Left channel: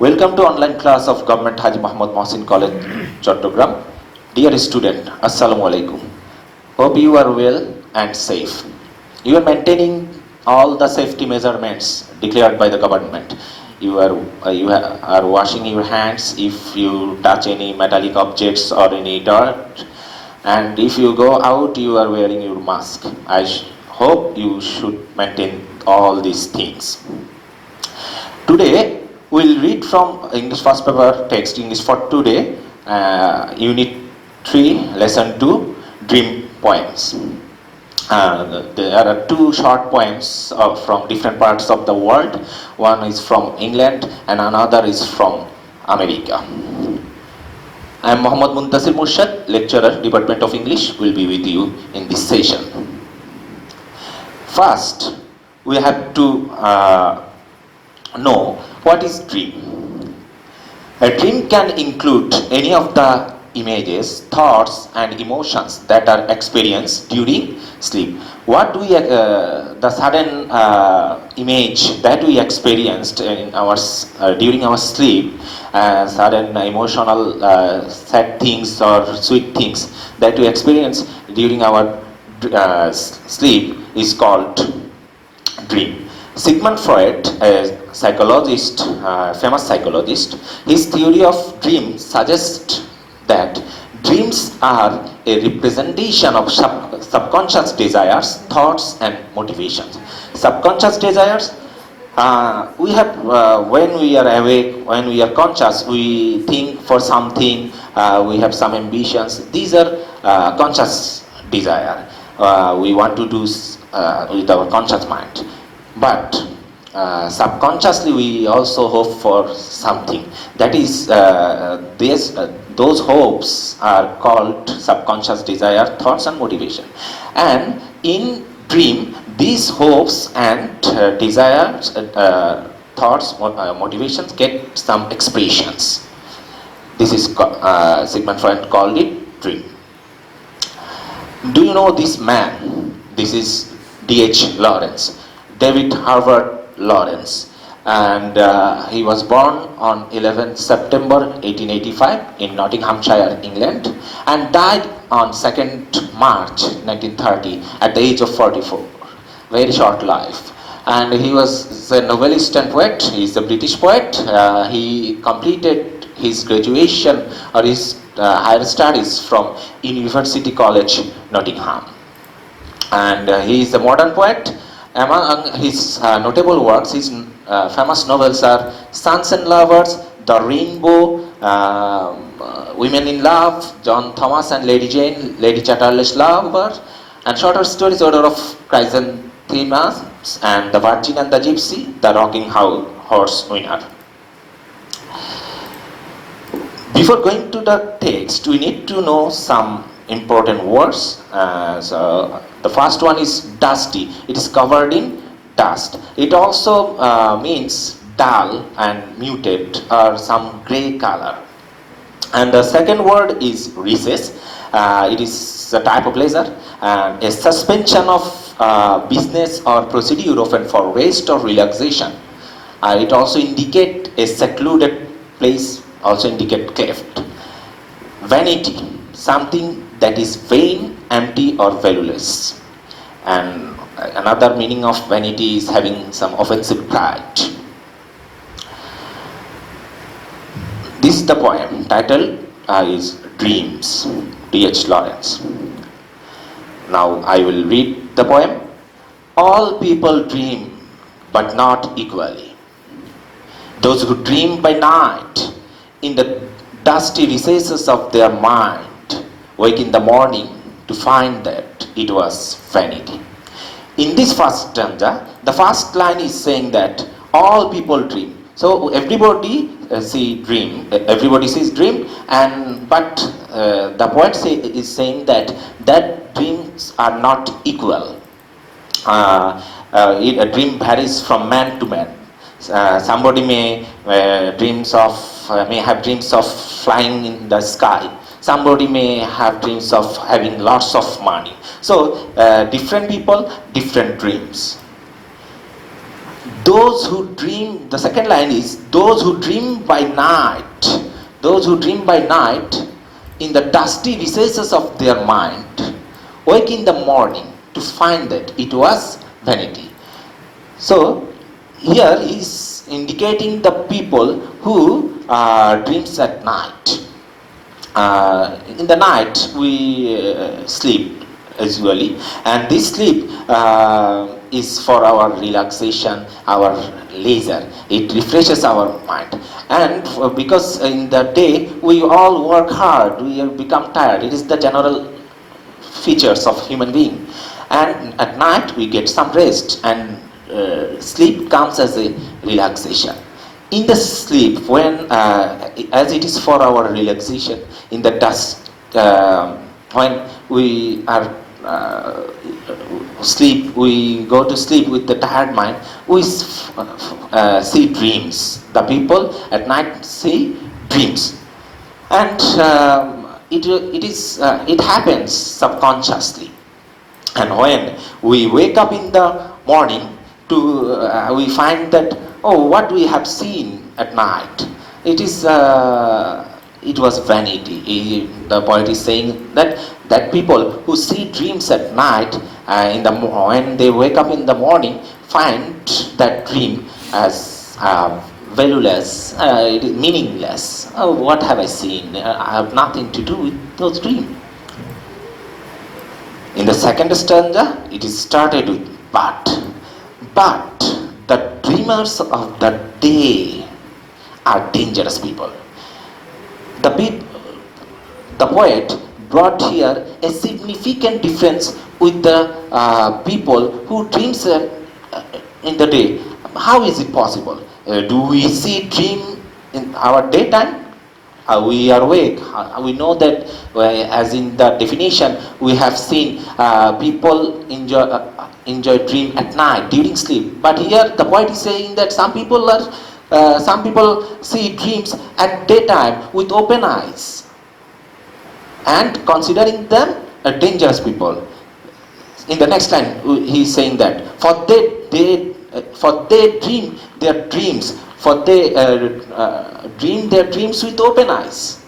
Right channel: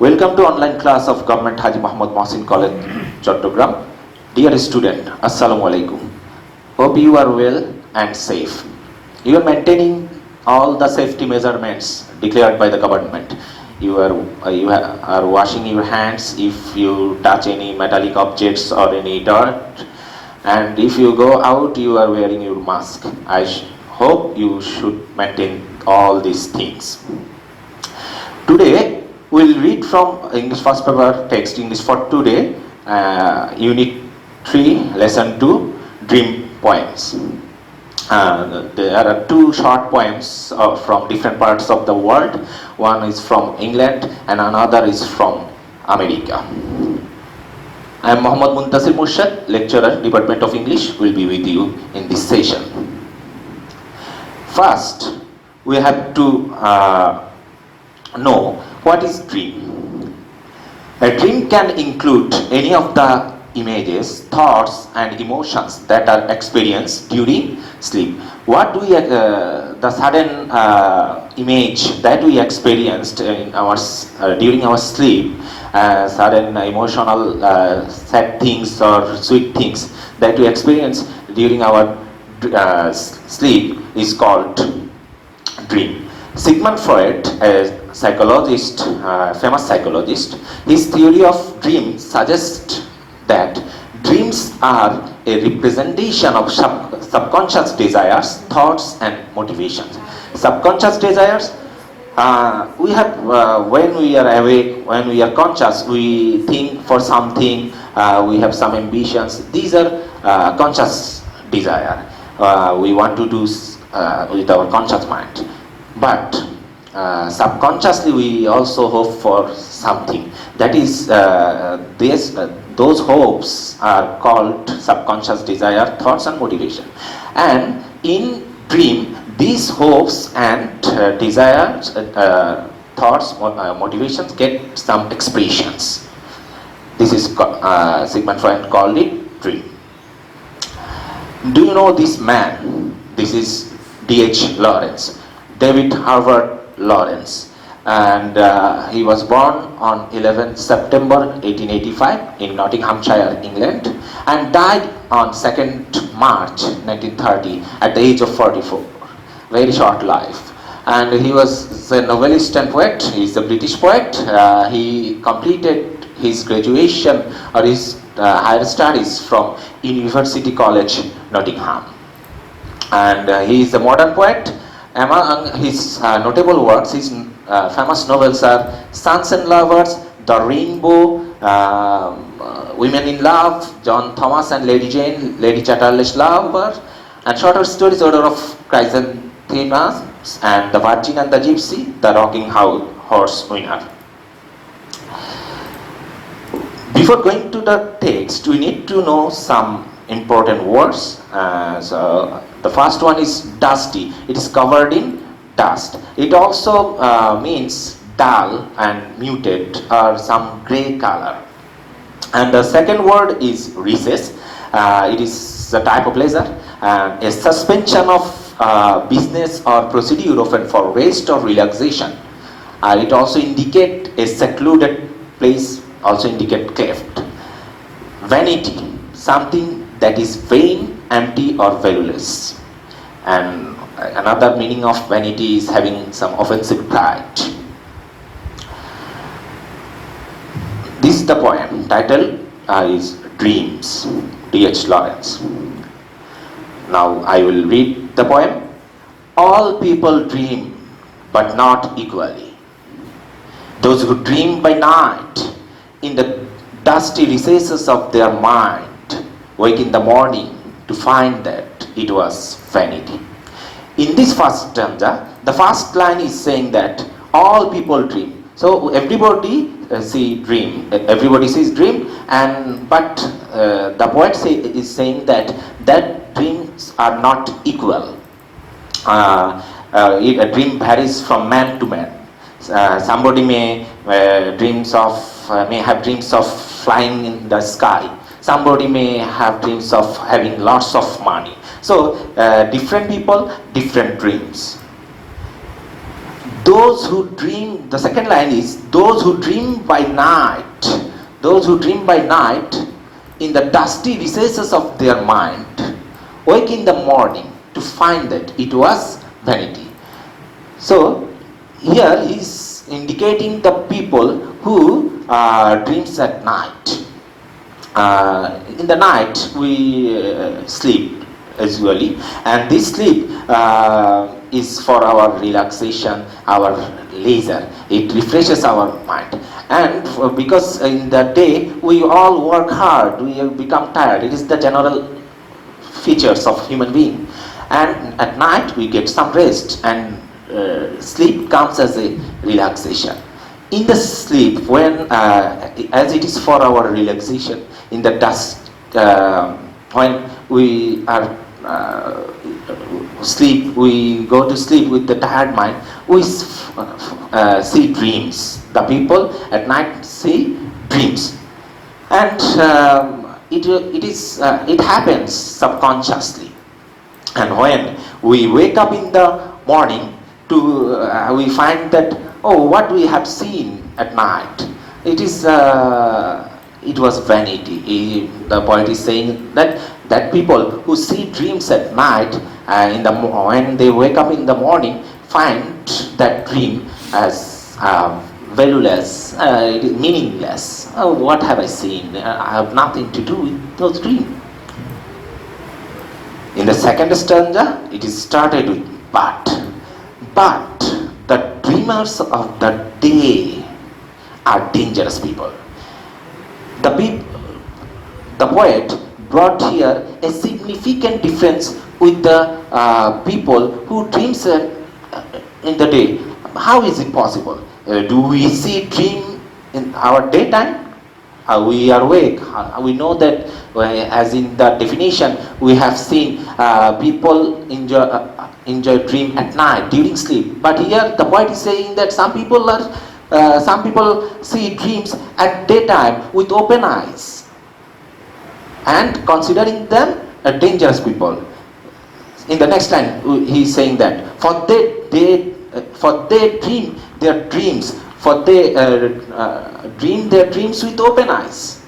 Welcome to online class of Government Haji Muhammad Mohsin College, Chattogram. Dear student, Assalamu alaikum. Hope you are well and safe. You are maintaining all the safety measurements declared by the government. You are washing your hands if you touch any metallic objects or any dirt, and if you go out, you are wearing your mask. I hope you should maintain all these things. Today, we'll read from English first paper text, English for today, Unit 3, Lesson 2, Dream Poems. There are two short poems from different parts of the world. One is from England and another is from America. I am Muhammad Muntasir Murshad, lecturer, Department of English, will be with you in this session. First, we have to know what is dream. A dream can include any of the images, thoughts and emotions that are experienced during sleep. What we the sudden image that we experienced in our during our sleep, sudden emotional sad things or sweet things that we experience during our sleep is called dream. Sigmund Freud, a psychologist, famous psychologist, his theory of dreams suggests that dreams are a representation of subconscious desires, thoughts and motivations. Subconscious desires, we have when we are awake, when we are conscious, we think for something, we have some ambitions. These are conscious desire. We want to do with our conscious mind. But subconsciously we also hope for something. That is, those hopes are called subconscious desire, thoughts and motivation. And in dream, these hopes and desires, thoughts, motivations get some expressions. This is Sigmund Freud called it dream. Do you know this man? This is D.H. Lawrence. David Harvard Lawrence, and he was born on 11th September 1885 in Nottinghamshire, England, and died on 2nd March 1930 at the age of 44. Very short life. And he was a novelist and poet. He is a British poet. He completed his graduation or his higher studies from University College, Nottingham. And he is a modern poet. Among his notable works, his famous novels are Sons and Lovers, The Rainbow, Women in Love, John Thomas and Lady Jane, Lady Chatterley's Lover, and shorter stories, Order of Chrysanthemums, and The Virgin and the Gypsy, The Rocking Horse Winner. Before going to the text, we need to know some important words. So the first one is dusty. It is covered in dust. It also means dull and muted or some grey color. And the second word is recess. It is a type of leisure, a suspension of business or procedure often for rest or relaxation. It also indicates a secluded place, also indicate cleft. Vanity, something that is vain, empty or valueless. And another meaning of vanity is having some offensive pride. This is the poem. Title is Dreams, D.H. Lawrence. Now I will read the poem. All people dream, but not equally. Those who dream by night, in the dusty recesses of their mind, wake in the morning to find that it was vanity. In this first stanza, the first line is saying that all people dream. So everybody everybody sees dream, but the poet is saying that dreams are not equal. A dream varies from man to man. Somebody may have dreams of flying in the sky. Somebody may have dreams of having lots of money. So different people, different dreams. Those who dream, the second line is, those who dream by night, those who dream by night in the dusty recesses of their mind, wake in the morning to find that it was vanity. So, here is indicating the people who dreams at night. In the night we sleep usually, and this sleep is for our relaxation, our leisure. It refreshes our mind. And because in the day we all work hard, we have become tired. It is the general features of human being. And at night we get some rest, and sleep comes as a relaxation. In the sleep, when as it is for our relaxation, in the dusk, when we are sleep, we go to sleep with the tired mind, we see dreams. The people at night see dreams, and it happens subconsciously. And when we wake up in the morning, we find that, oh, what we have seen at night, it was vanity. The poet is saying that people who see dreams at night, when they wake up in the morning, find that dream as valueless, it is meaningless. Oh, what have I seen? I have nothing to do with those dreams. In the second stanza, it is started with but the dreamers of the day are dangerous people. The poet brought here a significant difference with the people who dreams in the day. How is it possible? Do we see dream in our daytime? We are awake. We know that, as in the definition, we have seen people enjoy dream at night during sleep. But here the poet is saying that some people see dreams at daytime with open eyes, and considering them dangerous people. In the next line, he is saying that for they dream their dreams, for they dream their dreams with open eyes.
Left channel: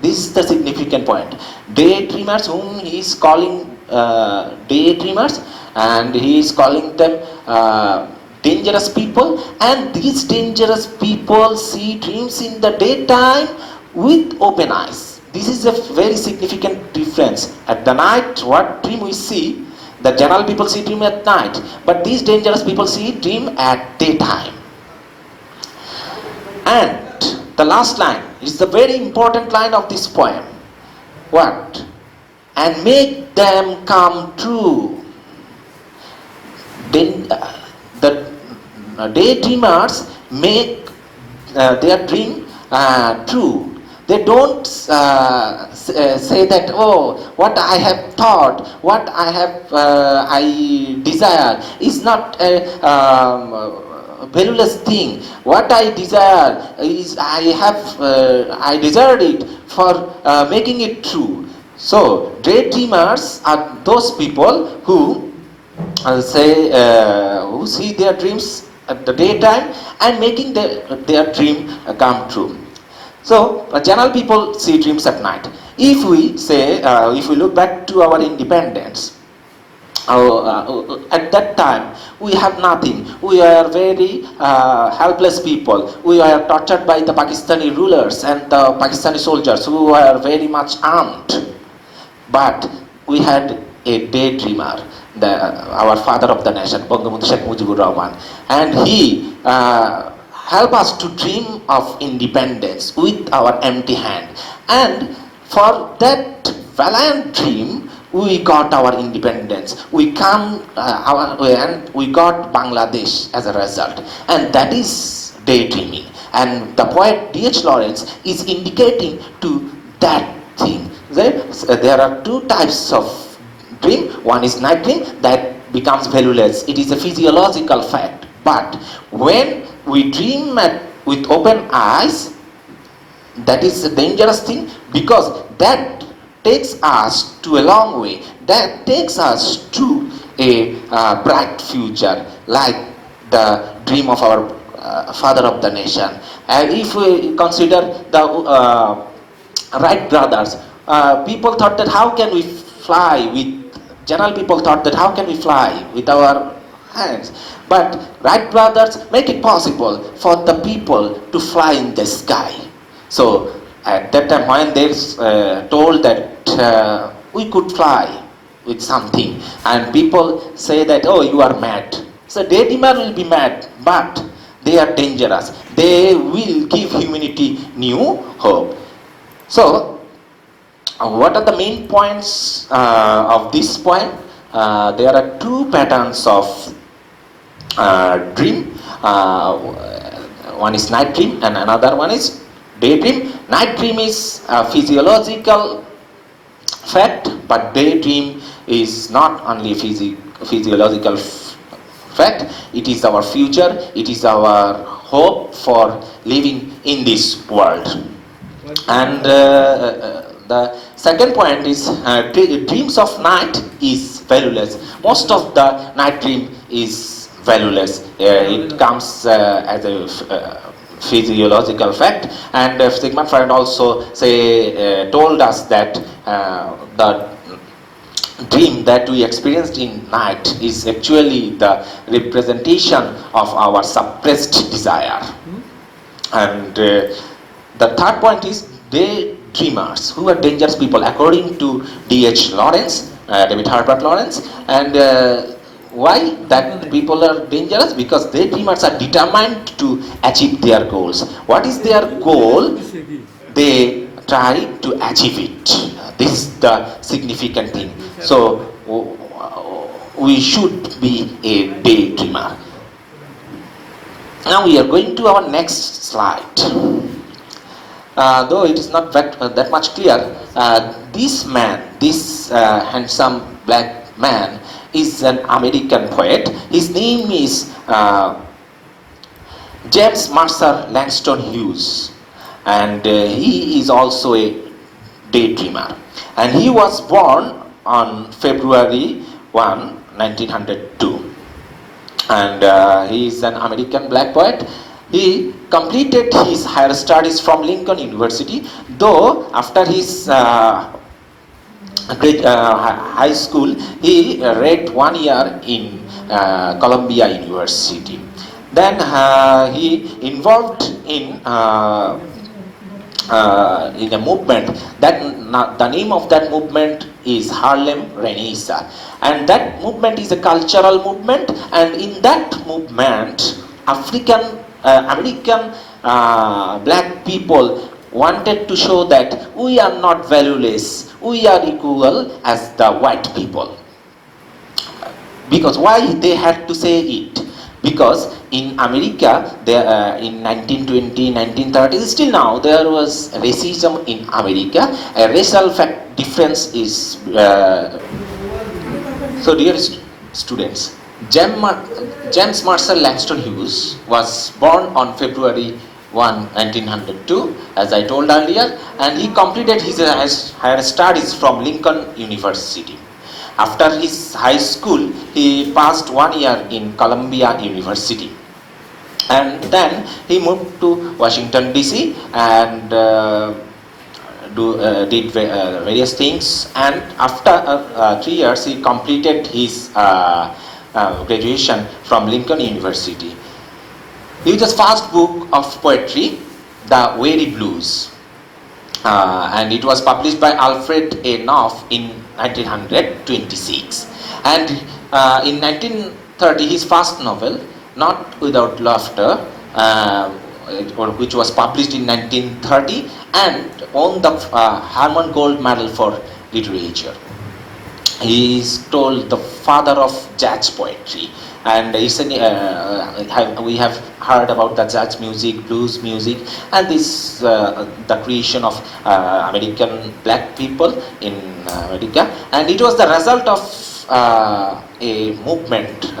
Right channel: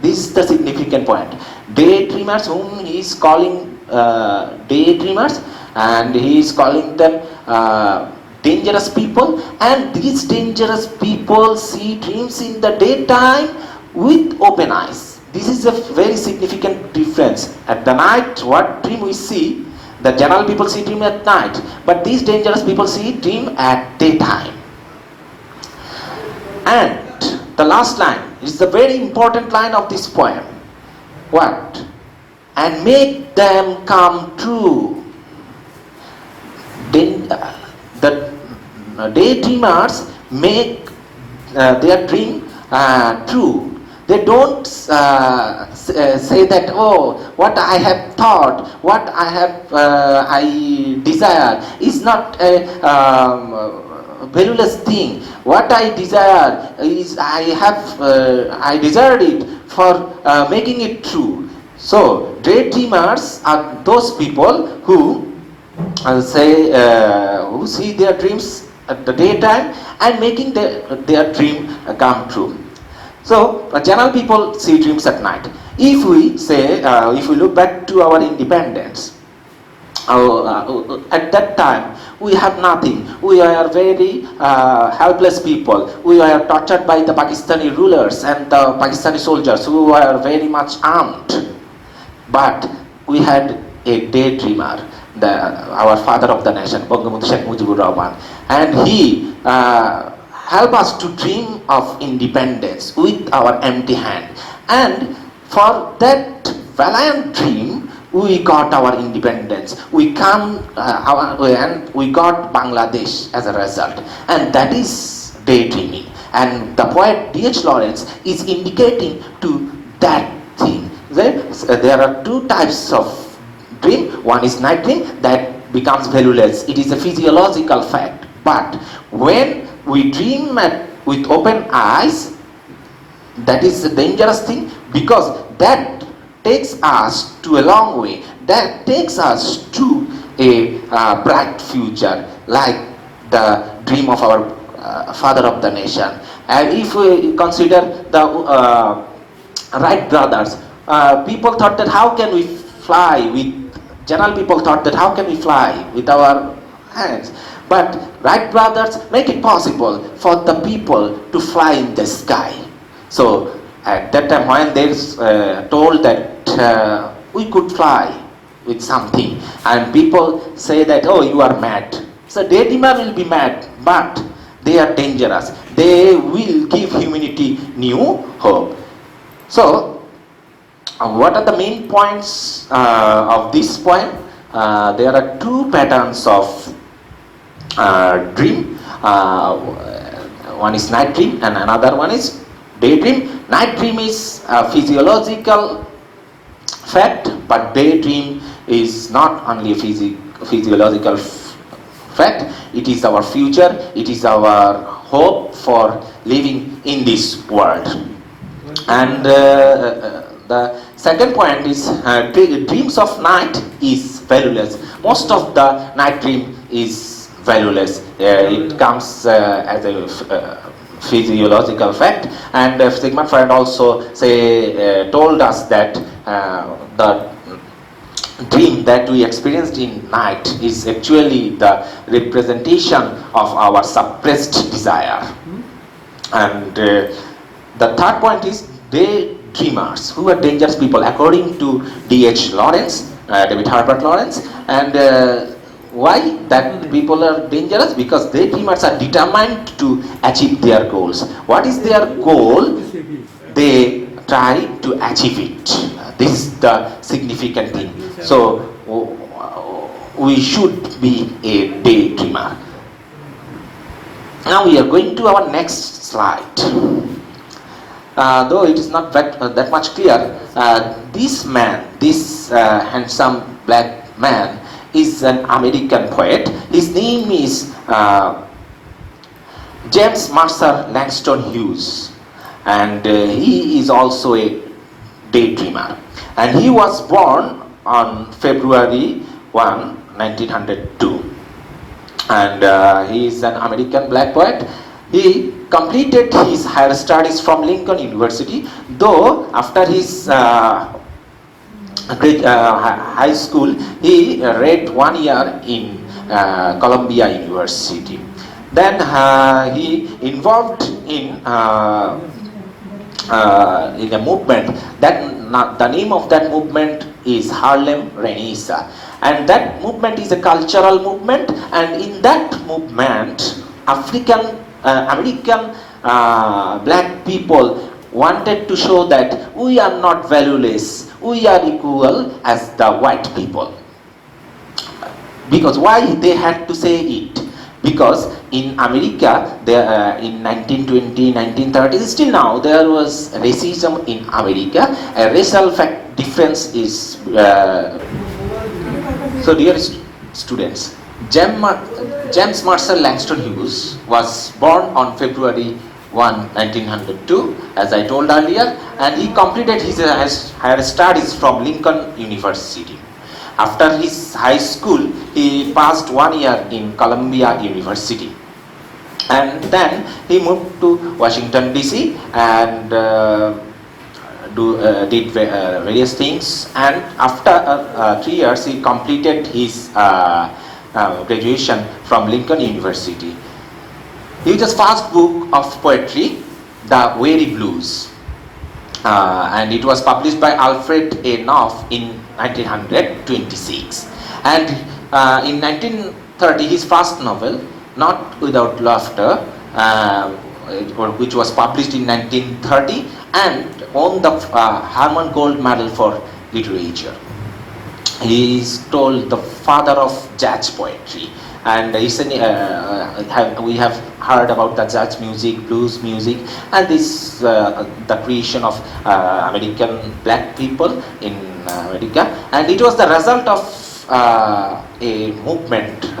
This is the significant point. Daydreamers, whom he is calling daydreamers, and he is calling them dangerous people, and these dangerous people see dreams in the daytime with open eyes. This is a very significant difference. At the night, what dream we see, the general people see dream at night, but these dangerous people see dream at daytime. And the last line is the very important line of this poem. What? And make them come true. Then the daydreamers make their dream true. They don't say that, oh, what I have thought, what I desire is not a valueless thing. What I desire is I desired it for making it true. So daydreamers are those people who who see their dreams at the daytime and making their dream come true. So general people see dreams at night. If we look back to our independence, at that time we have nothing. We are very helpless people. We are tortured by the Pakistani rulers and the Pakistani soldiers who are very much armed. But we had a daydreamer, our father of the nation, Bangabandhu Sheikh Mujibur Rahman, and he helped us to dream of independence with our empty hand. And for that valiant dream, we got our independence. We got Bangladesh as a result, and that is daydreaming. And the poet D.H. Lawrence is indicating to that thing. There are two types of dream. One is night dream that becomes valueless. It is a physiological fact. But when we dream with open eyes, that is a dangerous thing, because that takes us to a long way. That takes us to a bright future, like the dream of our father of the nation. And if we consider the Wright brothers, people thought that how can we fly with, general people thought that how can we fly with our hands. But Wright brothers make it possible for the people to fly in the sky. So at that time when they told that we could fly with something, and people say that, oh, you are mad. So daydreamer will be mad, but they are dangerous. They will give humanity new hope. So what are the main points of this poem? There are two patterns of dream. One is night dream and another one is daydream. Night dream is a physiological fact, but daydream is not only physiological fact, it is our future, it is our hope for living in this world. And the second point is dreams of night is valueless. Most of the night dream is valueless. It comes as a physiological fact, and Sigmund Freud also told us that the dream that we experienced in night is actually the representation of our suppressed desire. And the third point is daydreamers, who are dangerous people, according to D.H. Lawrence, David Herbert Lawrence. And why that people are dangerous? Because daydreamers are determined to achieve their goals. What is their goal? They try to achieve it. This is the significant thing. So we should be a daydreamer. Now we are going to our next slide. Though it is not that much clear, this man, this handsome black man, is an American poet. His name is James Mercer Langston Hughes, and he is also a daydreamer. And he was born on February 1, 1902. And he is an American black poet. He completed his higher studies from Lincoln University, though after his high school, he read 1 year in Columbia University. Then he involved in a movement. The name of that movement is Harlem Renaissance, and that movement is a cultural movement. And in that movement, American black people wanted to show that we are not valueless, we are equal as the white people. Because why they had to say it? Because in America, in 1920, 1930s, still now, there was racism in America. A racial difference is... So dear students, James Mercer Langston Hughes was born on February 1, 1902, as I told earlier, and he completed his higher studies from Lincoln University. After his high school, he passed 1 year in Columbia University. And then he moved to Washington DC and did various things. And after 3 years, he completed his graduation from Lincoln University. His first book of poetry, The Weary Blues, and it was published by Alfred A. Knopf in 1926. And in 1930, his first novel, Not Without Laughter, which was published in 1930 and won the Harmon Gold Medal for Literature. He is told the father of jazz poetry, and we have heard about the jazz music, blues music, and this the creation of American black people in America. And it was the result of a movement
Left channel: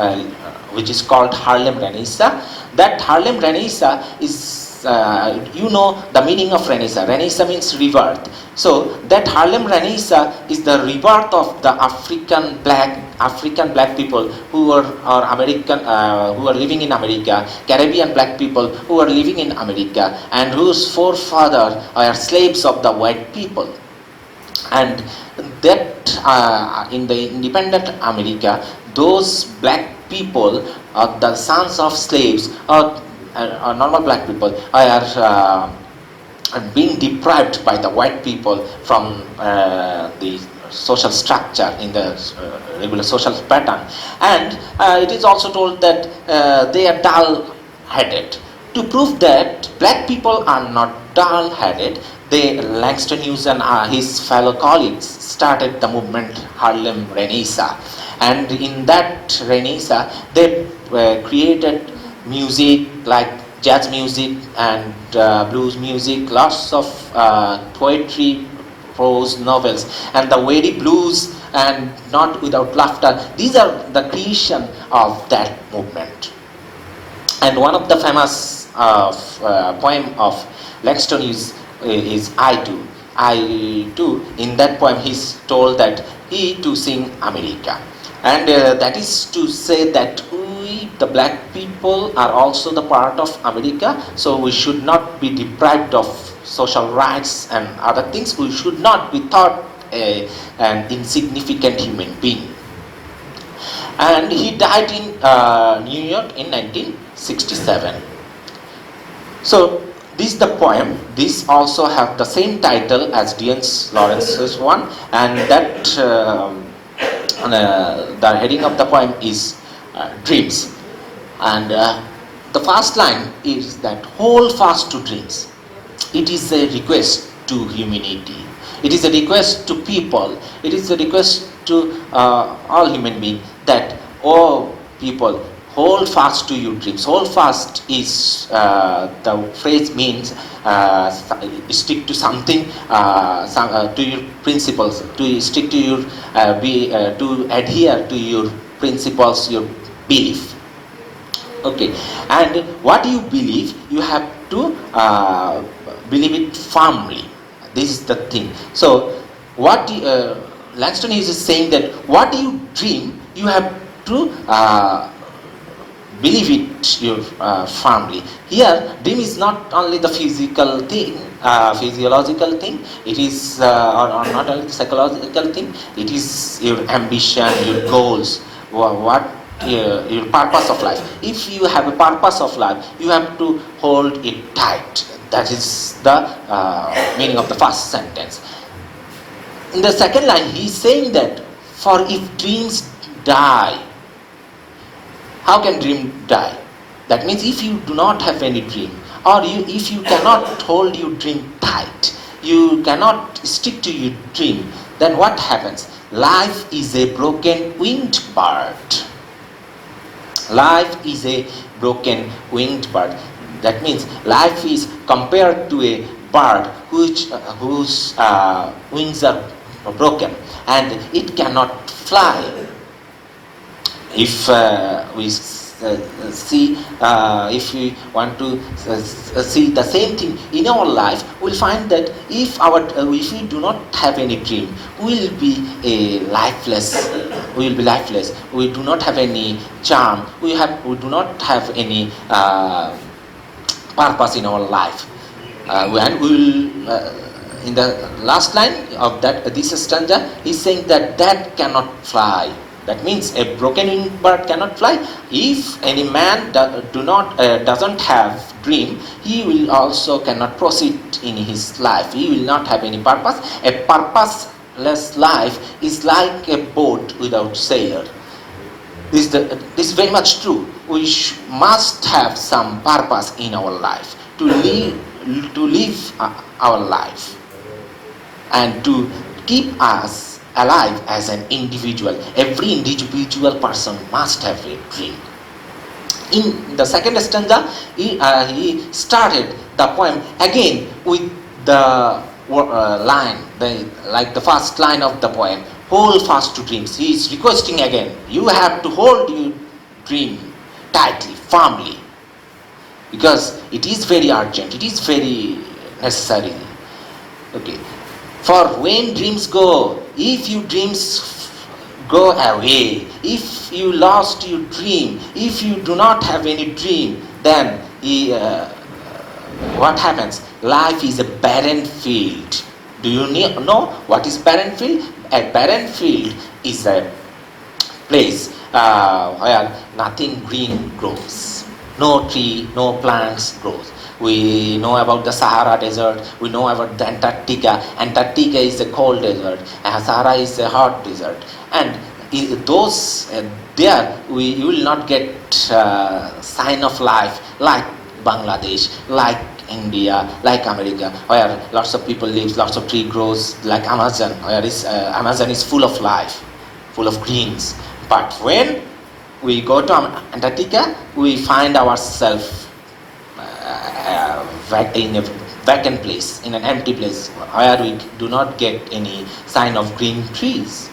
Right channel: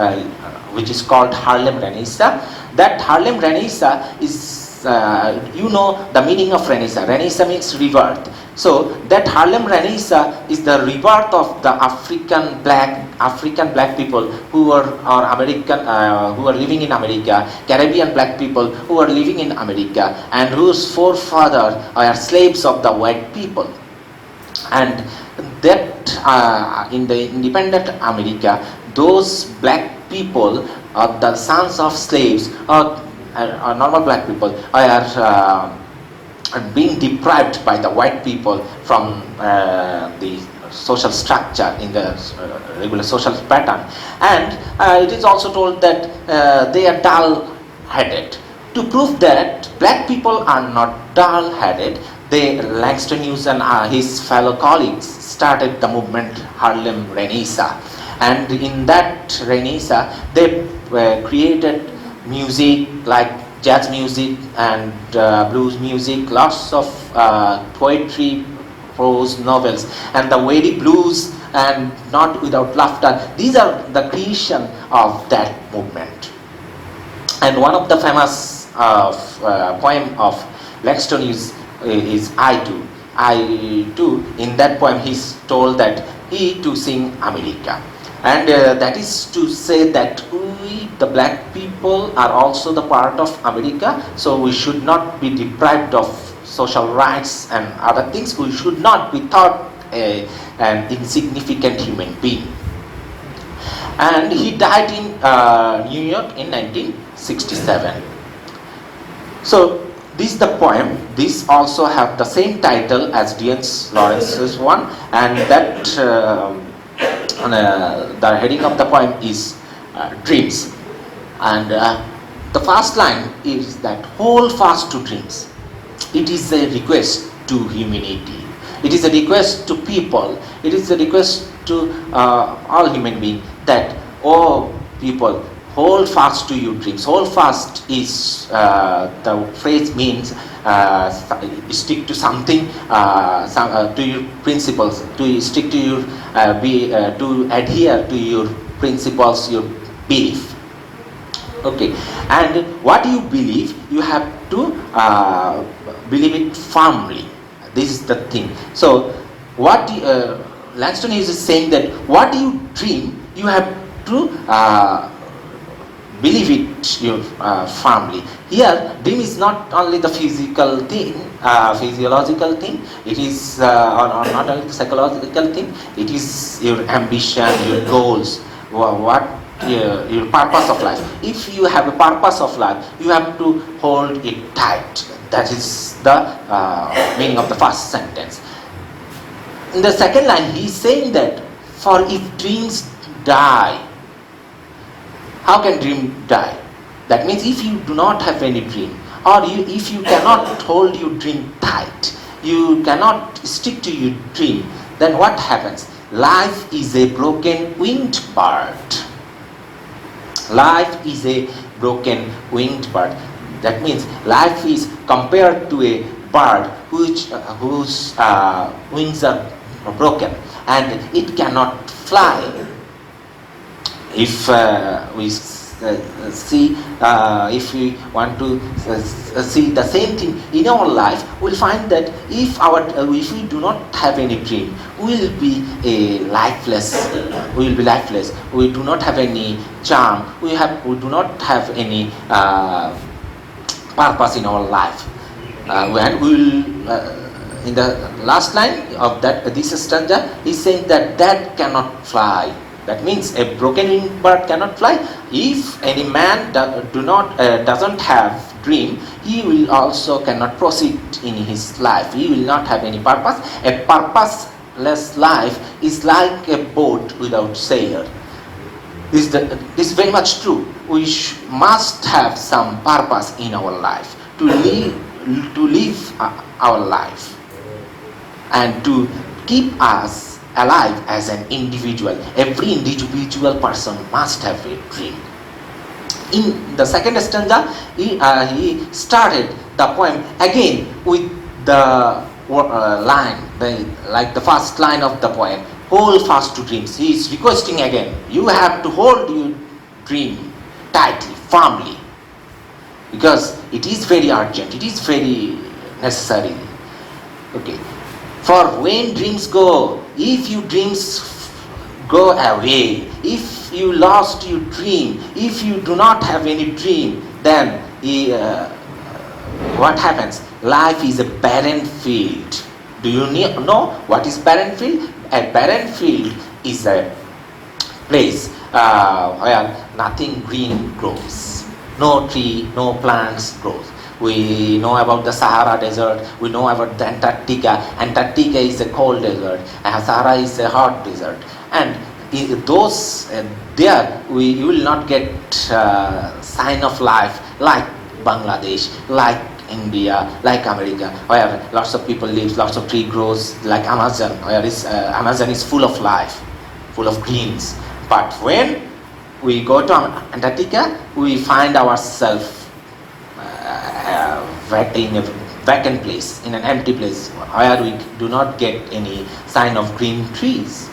which is called Harlem Renaissance. That Harlem Renaissance is you know the meaning of Renaissance. Renaissance means rebirth. So that Harlem Renaissance is the rebirth of the African black people who are American, who are living in America, Caribbean black people who are living in America, and whose forefathers are slaves of the white people. And that in the independent America, those black people, the sons of slaves, or normal black people, are being deprived by the white people from the social structure in the regular social pattern. And it is also told that they are dull-headed. To prove that black people are not dull-headed, Langston Hughes and his fellow colleagues started the movement Harlem Renaissance. And in that Renaissance, they created music like jazz music and blues music, lots of poetry, prose, novels, and the very blues and Not Without Laughter. These are the creation of that movement. And one of the famous poem of Langston is I Do. I Do, in that poem he's told that he to sing America. And that is to say that we, the black people, are also the part of America, so we should not be deprived of social rights and other things. We should not be thought an insignificant human being. And he died in New York in 1967. So this is the poem. This also have the same title as D.N. Lawrence's one, and that the heading of the poem is Dreams. And the first line is that hold fast to dreams. It is a request to humanity. It is a request to people. It is a request to all human beings that, oh people, hold fast to your dreams. Hold fast is, the phrase means stick to something, to your principles, to stick to your, to adhere to your principles, your belief. Okay, and what you believe, you have to believe it firmly. This is the thing. So, what Langston is saying that what you dream, you have to believe it your firmly. Here, dream is not only the physical thing, physiological thing. It is not only the psychological thing. It is your ambition, your goals, what your purpose of life. If you have a purpose of life, you have to hold it tight. That is the meaning of the first sentence. In the second line, he is saying that, for if dreams die, how can dream die? That means if you do not have any dream, or if you cannot hold your dream tight, you cannot stick to your dream, then what happens? Life is a broken winged bird. Life is a broken winged bird. That means life is compared to a bird whose wings are broken and it cannot fly. If we see, if we want to see the same thing in our life, we'll find that if we do not have any dream, we will be lifeless. We will be lifeless. We do not have any charm. We do not have any purpose in our life. When we will, in the last line of this stanza, he's saying that cannot fly. That means a broken bird cannot fly. If any man doesn't have dream, he will also cannot proceed in his life. He will not have any purpose. A purposeless life is like a boat without sailor. This is very much true. We must have some purpose in our life to live our life and to keep us alive as an individual. Every individual person must have a dream. In the second stanza, he started the poem again with the line, like the first line of the poem, hold fast to dreams. He is requesting again, you have to hold your dream tightly, firmly. because it is very urgent, it is very necessary. Okay. For when dreams go, if your dreams go away, if you lost your dream, if you do not have any dream, then what happens? Life is a barren field. Do you know what is barren field? A barren field is a place where nothing green grows. No tree, no plants grows. We know about the Sahara Desert, we know about the Antarctica. Antarctica is a cold desert, and Sahara is a hot desert. And those there you will not get sign of life like Bangladesh, like India, like America, where lots of people live, lots of tree grows, like Amazon, where Amazon is full of life, full of greens. But when we go to Antarctica, we find ourselves in a vacant place, in an empty place, where we do not get any sign of green trees.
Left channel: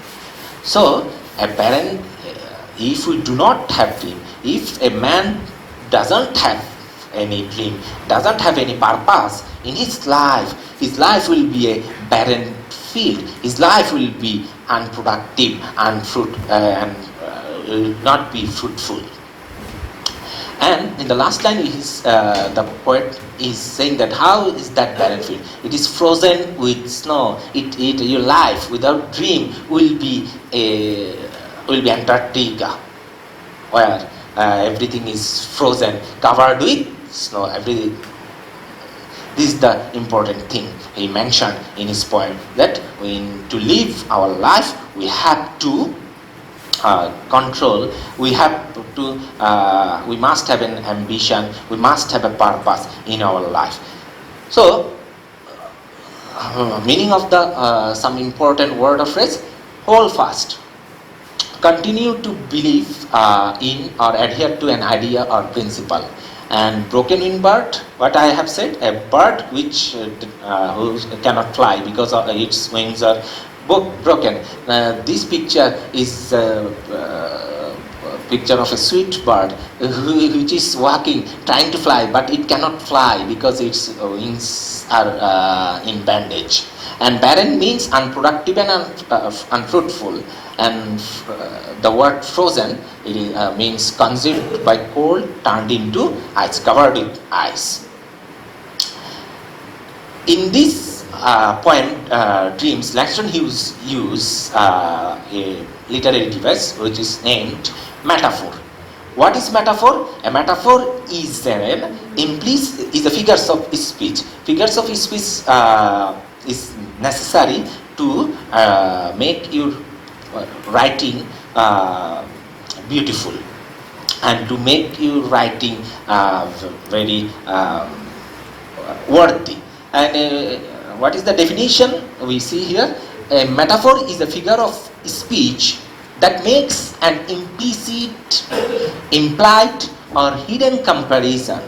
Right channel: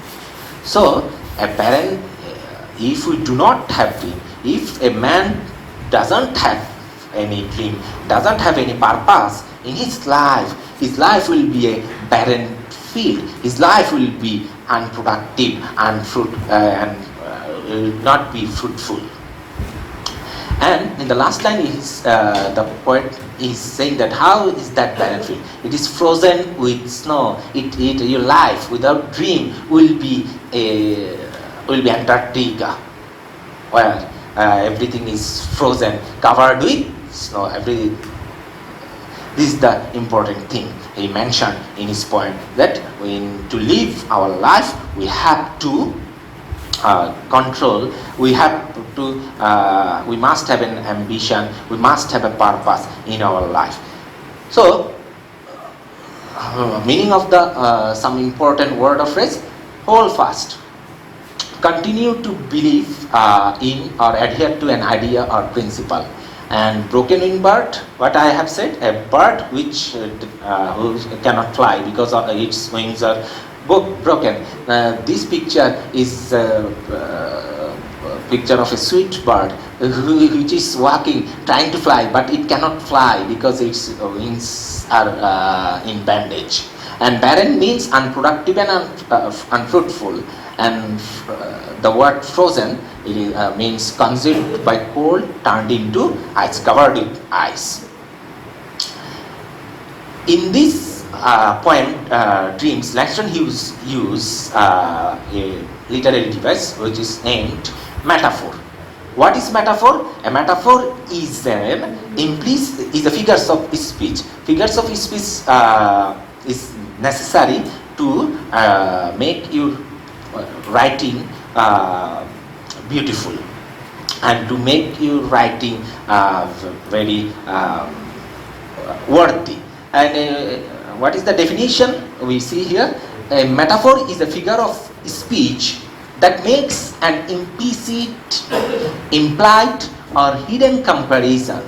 So, a parent, if we do not have dream, if a man doesn't have any dream, doesn't have any purpose in his life will be a barren field. His life will be unproductive and will not be fruitful. And in the last line, the poet is saying that how is that barren field? It is frozen with snow. Your life without dream will be Antarctica, where everything is frozen, covered with snow. Everything. This is the important thing he mentioned in his poem, that to live our life we have to control, we must have an ambition, we must have a purpose in our life. So, meaning of the some important word of phrase: hold fast, continue to believe in or adhere to an idea or principle. And broken wing bird, what I have said, a bird which cannot fly because of its wings are broken. This picture is a picture of a sweet bird which is walking, trying to fly, but it cannot fly because its wings are in bandage. And barren means unproductive and unfruitful. And the word frozen, it means consumed by cold, turned into ice, covered with ice. In this poem, Dreams, Langston Hughes used a literary device which is named metaphor. What is metaphor? A metaphor is a figures of speech. Figures of speech is necessary to make your writing beautiful and to make your writing very worthy. And what is the definition we see here? A metaphor is a figure of speech that makes an implicit, implied or hidden comparison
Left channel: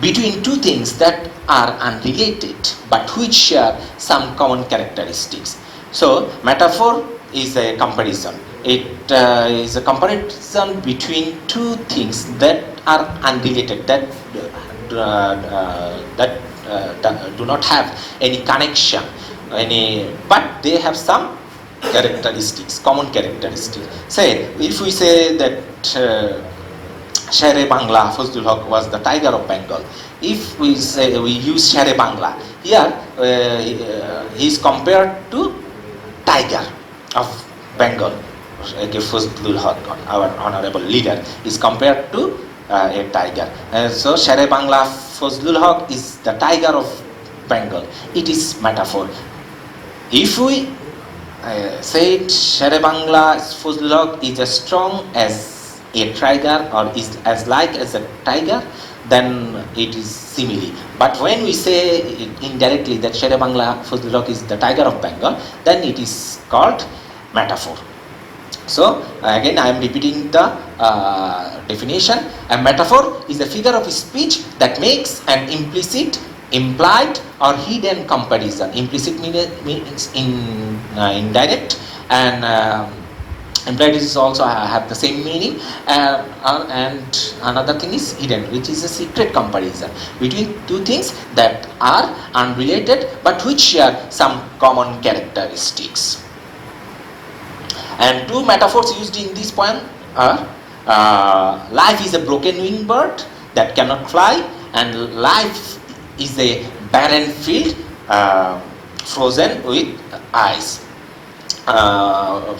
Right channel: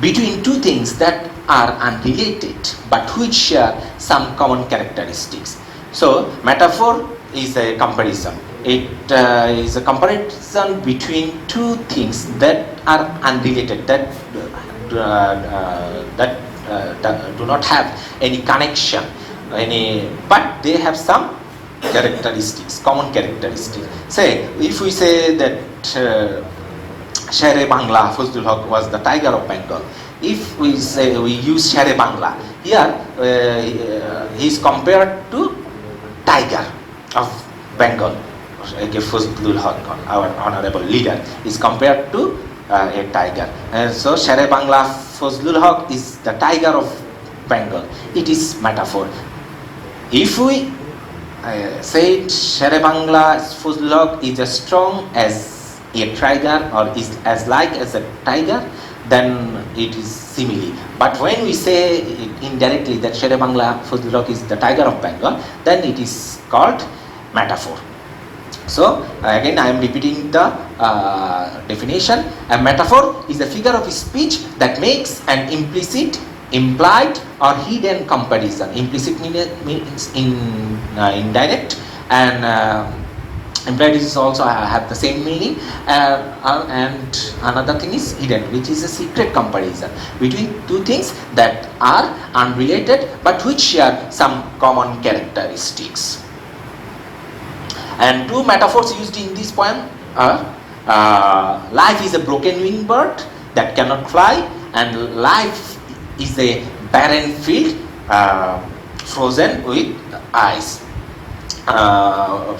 between two things that are unrelated but which share some common characteristics. So, metaphor is a comparison. It is a comparison between two things that are unrelated, that do not have any connection, but they have some characteristics, common characteristics. Say, if we say that Sher-e-Bangla, Fazlul Haq was the tiger of Bengal. If we say we use Sher-e-Bangla, here he is compared to tiger of Bengal. Fazlul Haq, our honorable leader, is compared to a tiger. So Sher-e-Bangla, Fazlul Haq is the tiger of Bengal. It is metaphor. If we say Sher-e-Bangla, Fazlul Haq is as strong as a tiger or is as like as a tiger, then it is simile. But when we say indirectly that Sher-e-Bangla, Fazlul Haq is the tiger of Bengal, then it is called metaphor. So again I am repeating the definition. A metaphor is a figure of speech that makes an implicit, implied or hidden comparison. Implicit means indirect, and Implied also have the same meaning, and another thing is hidden, which is a secret comparison between two things that are unrelated but which share some common characteristics. And two metaphors used in this poem are life is a broken winged bird that cannot fly, and life is a barren field frozen with ice.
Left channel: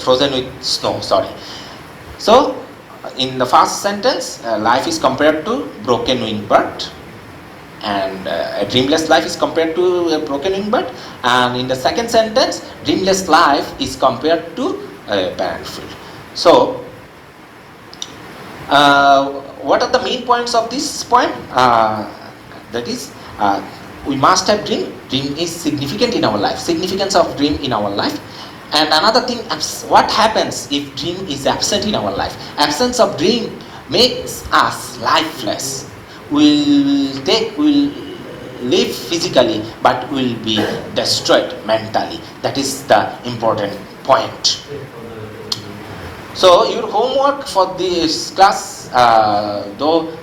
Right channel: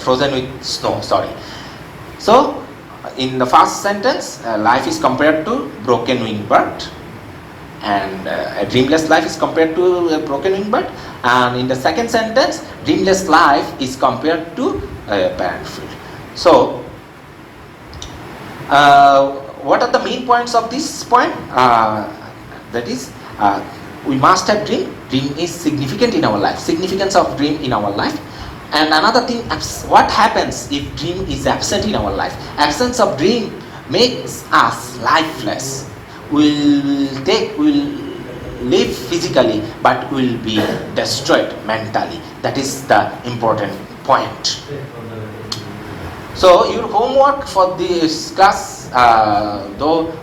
Frozen with snow, sorry. So, in the first sentence, life is compared to broken winged bird, and a dreamless life is compared to a broken winged bird, and in the second sentence, dreamless life is compared to a barren field. So, what are the main points of this poem? That is, we must have dream. Dream is significant in our life. Significance of dream in our life. And another thing, what happens if dream is absent in our life? Absence of dream makes us lifeless. We'll live physically, but we'll be destroyed mentally. That is the important point. So your homework for this class, though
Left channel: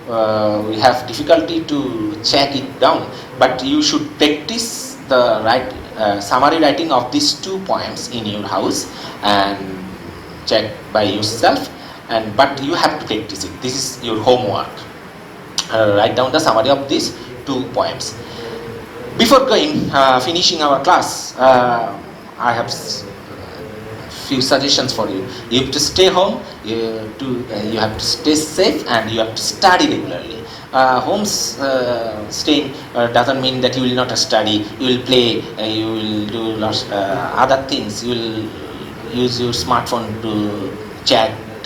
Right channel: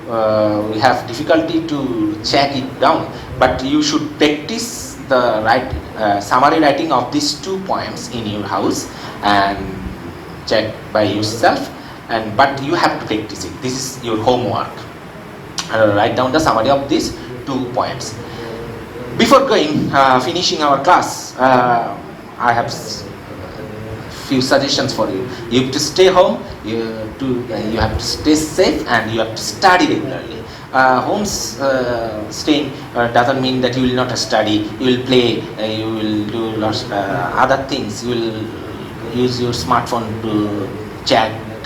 we have difficulty to check it down, but you should practice the summary writing of these 2 points in your house and check by yourself. But you have to practice it. This is your homework. Write down the summary of these 2 points. Before finishing our class, I have few suggestions for you. You have to stay home. You have to stay safe, and you have to study regularly. Staying doesn't mean that you will not study. You will play. You will do lots other things. You will use your smartphone to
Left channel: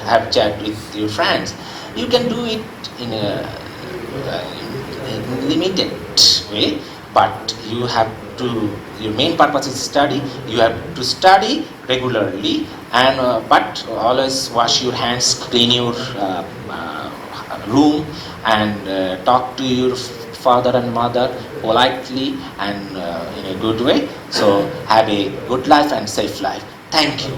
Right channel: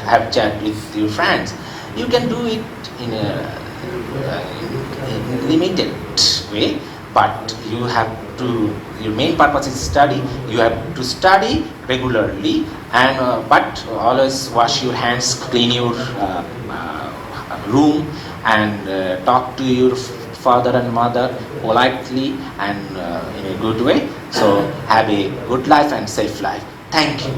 have chat with your friends. You can do it in a limited way, but you have to. Your main purpose is study. You have to study regularly, and but always wash your hands, clean your room, and talk to your father and mother politely and in a good way. So have a good life and safe life. Thank you.